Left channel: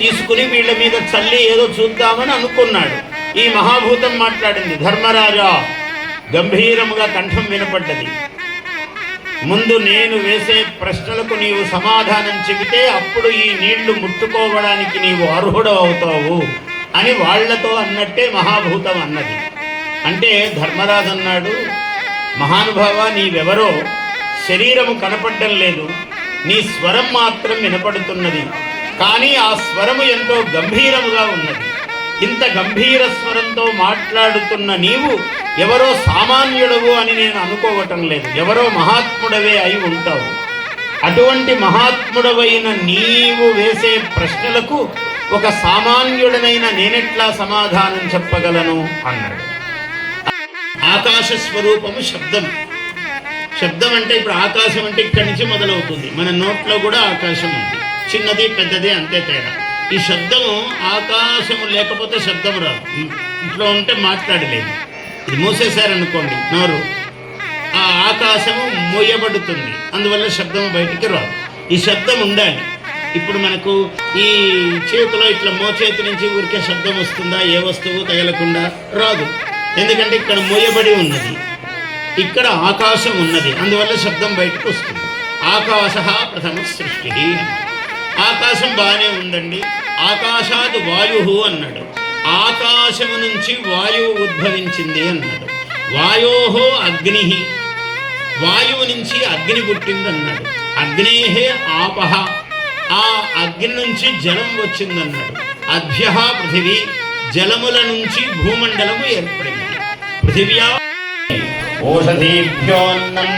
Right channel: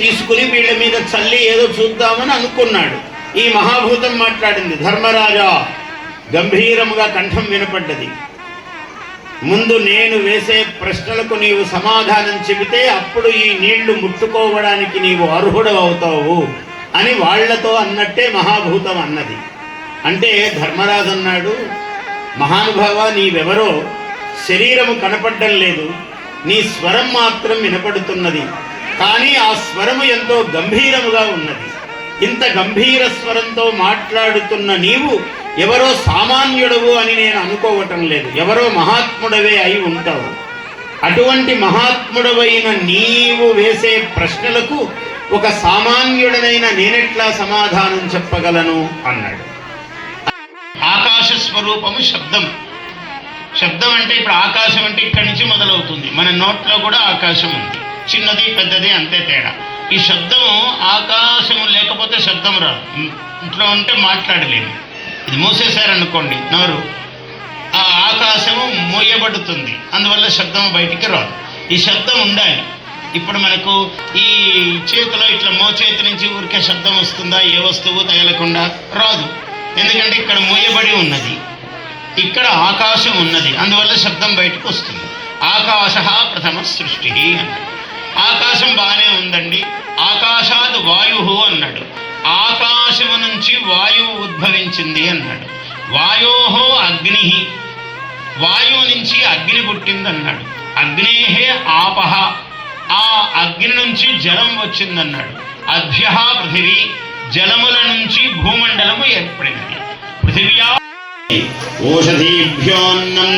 తీసుకుని వీళ్ళ మీద చల్లి ఏదో చూద్దామని అనుకున్నాడు. ఈ మహాభూతం మాట్లాడింది ధర్మరాజా గంభీరముగా కంఠం వినపడ్డది. ముందు నేను వేసే ప్రశ్నలకు నీవు సమాధానం చెబితే అప్పుడు ఈ నీళ్ళు ముట్టుకోవడానికి నీవు అర్హుడు అవుతావు అని వాళ్ళతో అన్నట్టే మహాభూతం అన్నది. అంటే ధర్మరాజు అన్నాడు మహానుభావ నీవెవరో? శరీరము కనపడడం లేదు. నీ స్వరం మాత్రం వినపడుతున్నది. కానీ ఆ స్వరము ఎంతో గంభీరముగా ఉన్నది. ఇంత గంభీర స్వరంతో మాట్లాడుతున్న నీవు ఎవరో సామాన్యుడవు అని నేను అనుకోవటం లేదు. ఎవరో మహాత్ముడవే అయి ఉంటావు. అటువంటి మహాత్ముడవైన నీవు వేసే ప్రశ్నలకు ఒక సామాన్యుడనైన నేనెట్లా సమాధానం చెప్పగలను? అన్నాడు. ఆకాశ స్వరూపము శబ్దం. శబ్దం అంటే ఇప్పుడు ఆకాశం అంటే ఇక్కడి నుంచి మొదలవుతుంది. మన నోట్లో కూడా ఆకాశం ఉంది. చిన్నది పెద్దది అంతే తేడా. ఈ శబ్దం ఆకాశం లేకపోతే శబ్దం రాదు. ఇంట్లో ఉంటే మాట్లాడలేము ఇది మూసేశారనుకోండి నోరు. ఆ ఆకాశము మోయబడుతుంది అందువల్ల శబ్దం బయటికి రాదు. ఈ శబ్దం ఉండాలి. ఇప్పుడు మనకు ఈ చేతిలో ఇట్లా మోచేతి నుంచి ఊరికే శబ్దం వస్తుందా ఏ వస్తువు తగలకుండా రాదు. ఎందుకంటే ఇక్కడ మోయబడి ఉన్నది. ఇక్కడ ఆకాశం ఉన్నది. అందువల్ల శబ్దం బయటకు వస్తుంది. ఆకాశ ప్రథమ సృష్టి ఆకాశం బాగానే ఉందండి. ఆకాశాద్ వాయు అన్నాడు. ఆకాశము నుంచి వాయువు ఉద్భవించింది అన్నాడు. వాయోహో అగ్ని. వాయువు నుంచి అగ్ని పుట్టింది అన్నాడు అగ్నేహే ఆపహ ఆ అగ్ని నుంచి జలం వచ్చిందన్నాడు. అభ్య పృథివీ. జలముల నుంచి భూమండలము ఏర్పడింది. పృథివ్యా ఓషధీభ్యోన్నం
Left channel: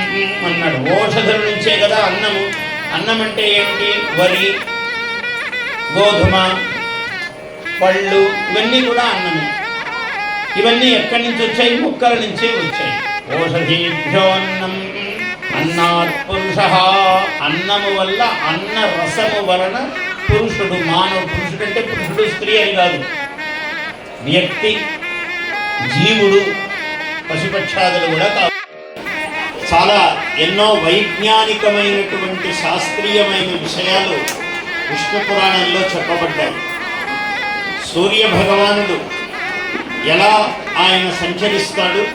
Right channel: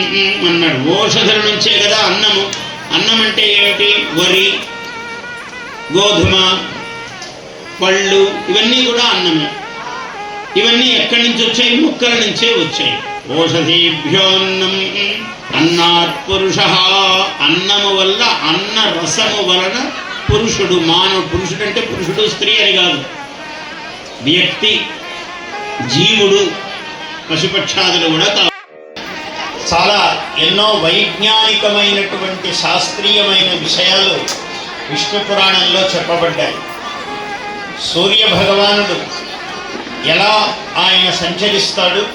అన్నాడు. ఓషధుల నుంచే కదా అన్నము. అన్నం అంటే ఏమిటి? వరి గోధుమ పళ్ళు ఇవన్నీ కూడా అన్నమే. ఇవన్నీ ఎక్కడి నుంచి వచ్చాయి? మొక్కల నుంచే వచ్చాయి. ఓషధీభ్యోన్నం అన్నాత్ పురుష. అన్నము వల్ల అన్న రసము వలన పురుషుడు మానవ పురుషుడు అంటే పురుషుడు స్త్రీ అని కాదు. వ్యక్తి జీవుడు పశుపక్షాదులు కూడా చాలా ఎన్నో వైజ్ఞానికమైనటువంటి శాస్త్రీయమైన విషయాలు విష్ణు పురాణంలో చెప్పబడ్డాయి. సూర్య భగవానుడు ఎలా ఆయన సంచరిస్తాడు?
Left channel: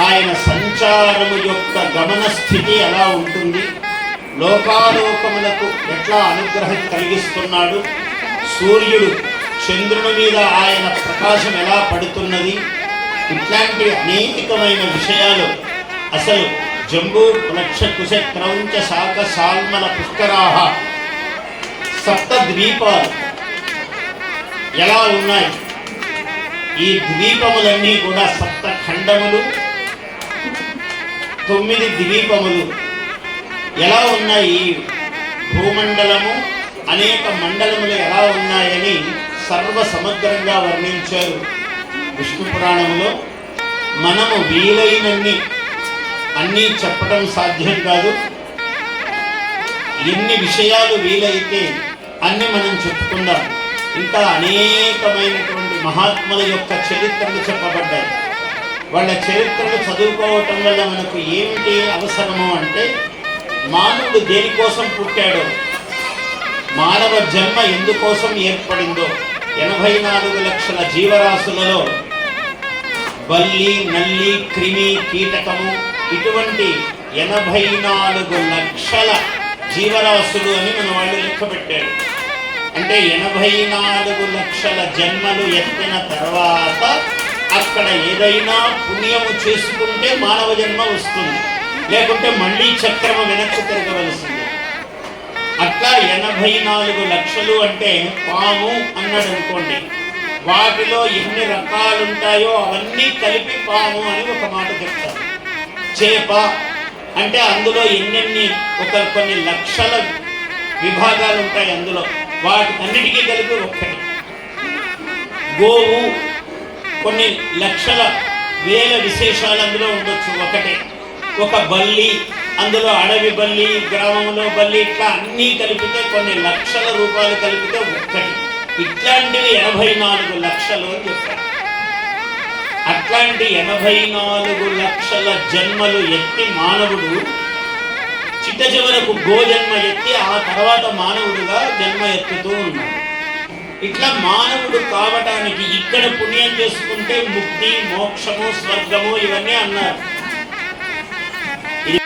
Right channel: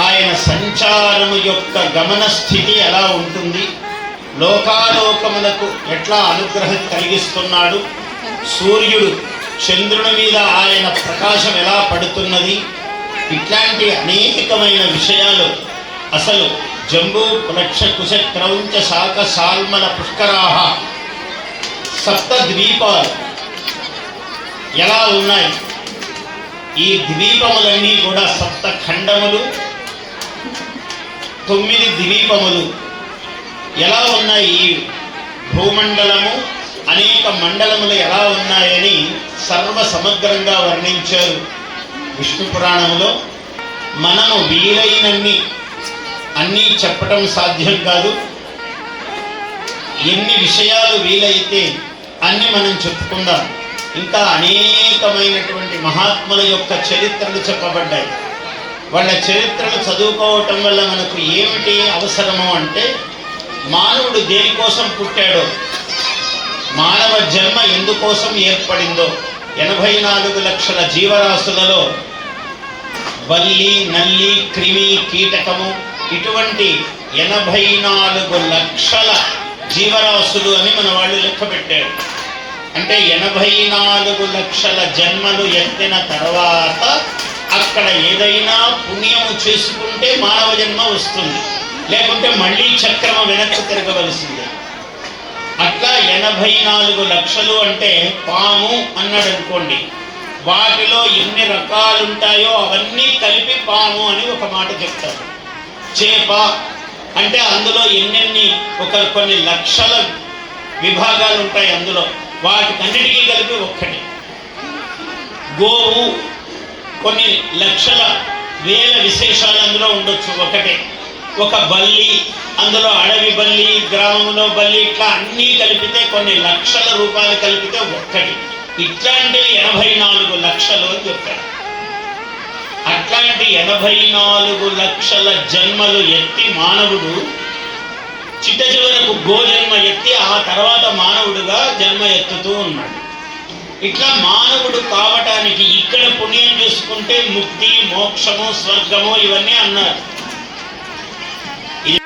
ఆయన సంచారము యొక్క గమన స్థితి ఎలా ఉంటుంది? లోకాలోకములకు ఎట్లా అనుగ్రహం కలిగిస్తున్నాడు? సూర్యుడు చంద్రుని మీద ఆయన ప్రకాశం ఎలా పడుతున్నది? ఇట్లాంటి అనేకమైన విషయాలు అసలు జంబూ వృక్ష కుశ క్రౌంచ శాఖ సాల్మల పుష్కరాహ. సప్త ద్వీపాలు ఎలా ఉన్నాయి? ఈ ద్వీపములన్నీ కూడా సప్త ఖండములు. తొమ్మిది ద్వీపములు. ఎలా ఉన్నాయి? ఈ భూమండలము అనేక మండలములు ఎలా ఉన్నాయని సర్వ సమగ్రంగా వర్ణించారు విష్ణు పురాణంలో మనము వీలైనన్ని అన్నీ చెప్పడం సాధ్యం కాదు. ఎన్ని విషయాలు వీలైతే అన్ని మనం చెప్పుకుందాం. ఇంకా అనేకమైనటువంటి మహాత్ముల యొక్క చరిత్రలు చెప్పబడ్డాయి. వాళ్ళ చరిత్రలు చదువుకోవటం వల్ల మనకు ఏమిటి అవసరము అంటే మానవుడు దేనికోసం పుట్టాడో మానవ జన్మ ఎందుకోసం ఏర్పడిందో ఎనభై నాలుగు లక్షల జీవరాశులలో బల్లి నల్లి క్రిమి కీటకము ఇటువంటి ఎనభై నాలుగు లక్షల జీవరాశులు అని మన వాళ్ళు లెక్క పెట్టారు. అంటే ఎనభై నాలుగు లక్షల జన్మలు ఎత్తిన తర్వాత అక్కడ ఏదైనా పుణ్యము చేసుకుంటే మానవ జన్మ వస్తుంది. లేకుంటే మళ్ళీ చక్రము వెనక్కి తిరగవలసింది. అట్లా ఎనభై నాలుగు లక్షలు అంటే పాము అన్నాడు అనుకోండి. వాటిలో ఎన్ని రకాలుంటాయో అవన్నీ కలిపి పాము అని ఒక మాట చెప్తారు. చేప అంటే అందులో ఎన్నెన్ని ఒక కొన్ని లక్షల విభాగాలు ఉంటాయి అందులో. వాటికన్నిటికీ కలిపి ఒక్కటి. గోవు కొన్ని లక్షల వేల విశేషాలు అందులో ఉండొచ్చు ఒకటే. ఒక బల్లి అందులో అడవి బల్లి గ్రామంలో బల్లి ఇట్లా అన్నీ కలిపితే కొన్ని లక్షల రూపాయలు కలిపితే ఒక్కటి. ఇట్లాంటివి ఎనభై నాలుగు లక్షలు అని చెప్పారు. అట్లాంటి ఎనభై నాలుగు లక్షల జన్మలు ఎత్తి మానవుడు చిట్ట చివరకు గోజన్మ ఎత్తి ఆ తర్వాత మానవుడుగా జన్మ ఎత్తుతూ ఉన్నాడు. ఇట్లా మానవుడు కావటానికి ఇక్కడ పుణ్యం చేసుకుంటే ముక్తి మోక్షము స్వర్గము ఇవన్నీ అన్నారు.